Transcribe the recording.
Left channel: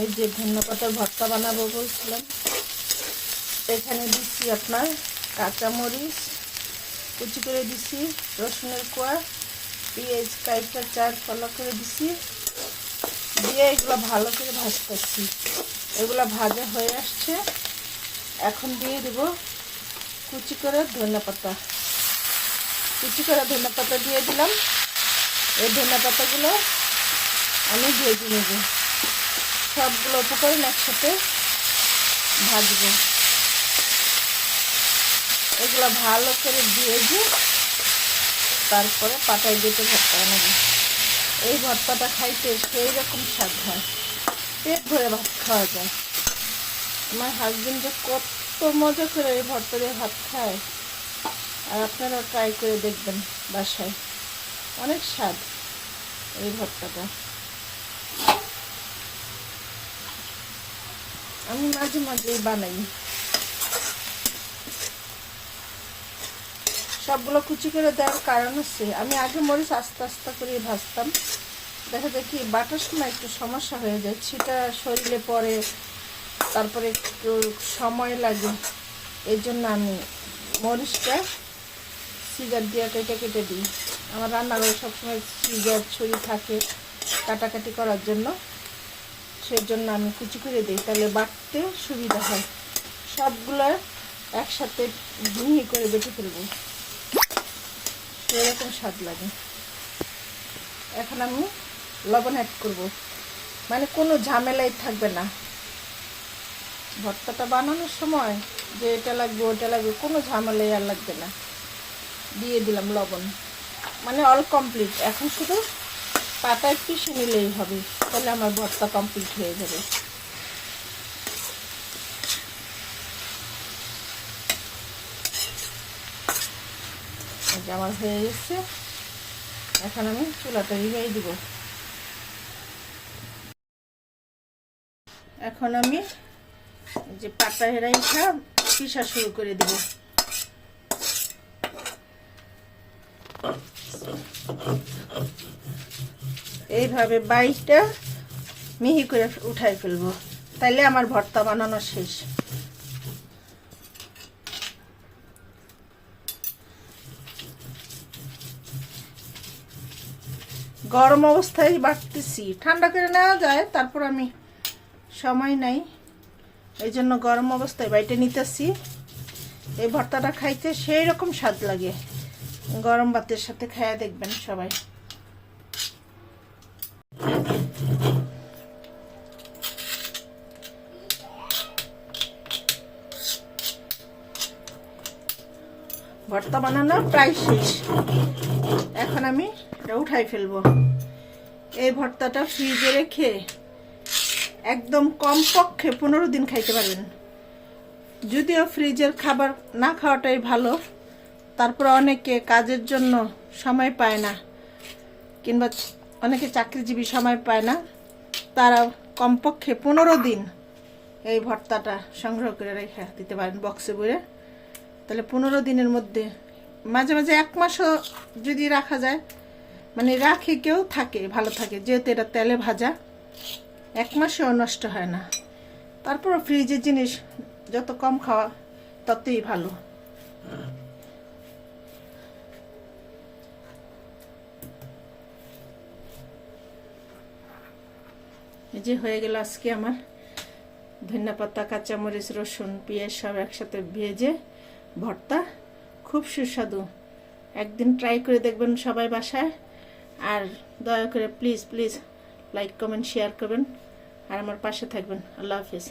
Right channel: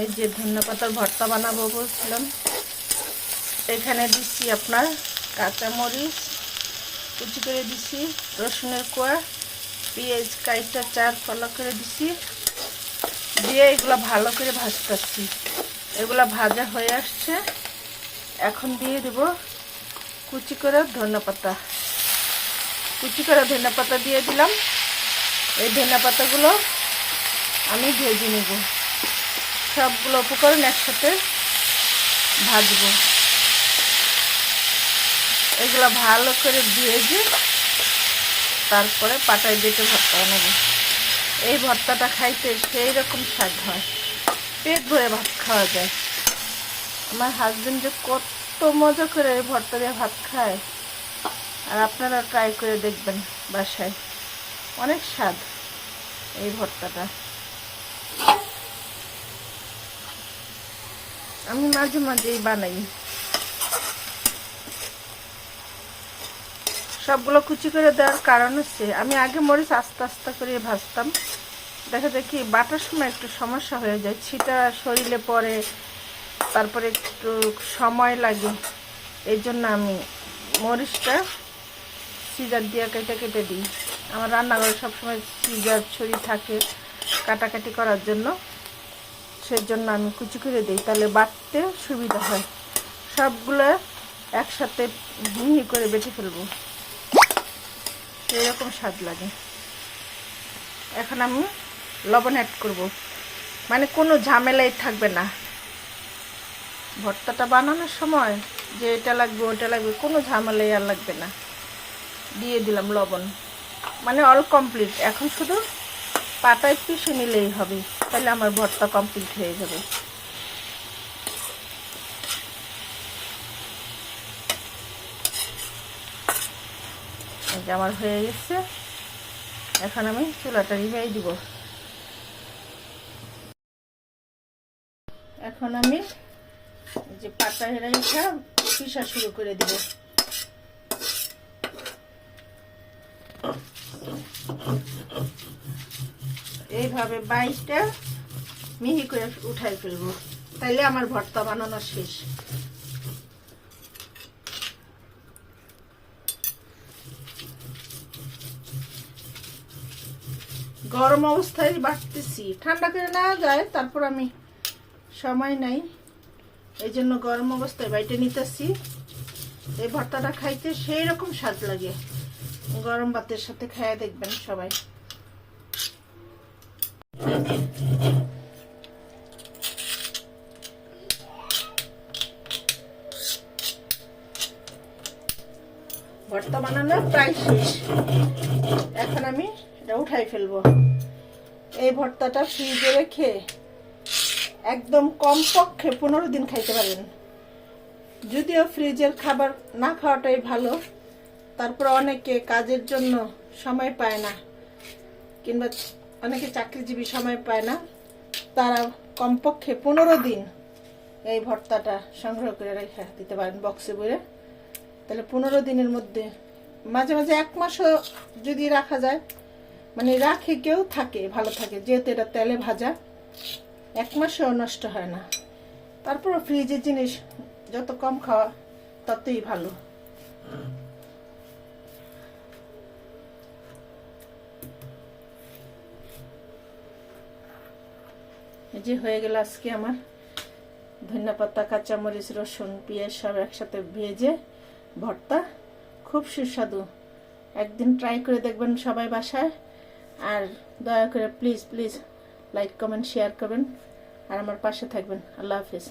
এই যে ধনেপাতার ভর্তা বানাবো বলছিলাম, এখানে দিচ্ছি আপনার কাঁচামরিচ কুচি করে দিছি, রসুনের কোয়া, পেঁয়াজ কাইটা 4 ফালা করে দিছি, দিয়ে এগুলো ভালো করে ভাজতেছি। এগুলো ভাজা হয়ে আসছে, এখন দিয়ে দেব কুচি করে ধনেপাতা। কুচি করে ধনেপাতা দিয়ে দিলাম। এই ধনেপাতাগুলো আমি ভেজে নেব, সবগুলো উপকরণ একসাথে ভাজবো। এগুলো ভালো করে ভেজে তারপরে পাটায় বেটে ভর্তা বানাবো। এই ভর্তাটা খাইতে সেই রকম স্বাদ হয়, পেট ভরে ভাত খাওয়া যায়। আমার হাজবেন্ড যে কত মজা করে এই ভর্তা দিয়ে ভাত খায়, আর আপনারা ট্রাই করে দেখবেন বাসায়, অনেক স্বাদ এই ভর্তাটা। আমি মাঝে মাঝেই বানাই। সবগুলো কুচি করে দেওয়ার কারণ হচ্ছে, আমি আগে মরিচ আস্তে আস্তে করে ভাজতাম, দেখা যায় কি বাটার সময় একটু সমস্যা হয়ে যায়, ছিটা শরীরে পড়ে, তারপরে একটু সময় লাগে। এই জন্য আমি মরিচটা সিজার দিয়ে কেটে কেটে দিই। আমার রান্নাঘরে সবসময় সিজার ছুরি থাকে কাটাকাটি করার জন্য, সেই জন্য আমি কুচি করে দিই, তাহলে বাটতে সুবিধা হয়। সবগুলো একসাথে মিহি করে বেটে ফেলবো, এরকম স্বাদ লাগে। এখন আমি লবণ অ্যাড করব, মানে কোনো ঝামেলাই থাকবে না ভর্তাটা বানানোর সময়, যে এটা লাগবে ওটা লাগবে, কোনো ঝামেলাই আর লাগবে না। দিয়ে দিলাম লবণ, মানে অল কমপ্লিট। এখন শুধু পাতায় পিষে নিলেই হবে, তাহলে আমার ভর্তা কমপ্লিট হয়ে যাবে। আমার হয়ে গেছে, এখন আমি চুলাটা নিভিয়ে দিব। এখন আমি যে পাতায় রেখে পিষা শুরু করে দিব। এইভাবে বাইটা মিহি করে উঠাই ফেলবো, তাইলে আমার ভর্তা বানানো শেষ। গরম অবস্থায় বাটতেছি, ঠান্ডা করে নেওয়া যায়, তারপর আমি সময় নাই, এই জন্য গরম অবস্থায় বাইটে নিতেছি। এই ভর্তাটা খাইতে সেই রকম স্বাদ লাগে, গরম ভাতের সাথে খাইয়া দেখবেন সবাই। ভর্তা বানানো প্রায় শেষ, এখন আমি এটা উঠাই ফেলবো। এই ভর্তাটা ফ্রিজে রেখে একদম কমপক্ষে 15 দিন খাইতে পারবেন। যদিও ফ্রিজের খাবার না খাওয়াটাই ভালো, তারপর অনেকে কাজের জন্য সময় পায় না, কিংবা অনেকে চাকরিজীবী সময় পায় না, তারা কমপক্ষে 15 দিন এই ভর্তাটা সংগ্রহ করে রেখে দিতে পারেন বক্সে ভরে। তাহলে 15 দিনের মধ্যে, মাঝে মাঝে 1 মাসও যদি রাখা যায়, মানে রাখে কেউ থাকে ভালো থাকে, যেহেতু এটা তেলে ভাজা, 1 মাসেও নষ্ট হয় না। তারপর ফ্রিজের জিনিস যত কম খাওয়া ততই ভালো। এই যে হয়ে গেল আজকে আমার ধনেপাতা, কাঁচামরিচ, রসুন, পেঁয়াজ সব একসাথে ভেজে ভর্তা, খুব সুস্বাদু। একদিন ট্রাই করে দেখবেন সবাই বাসায়, আর দয়া করে please please like comment share করবেন, আর আমার পাশে থাকবেন। আল্লাহ হাফেজ।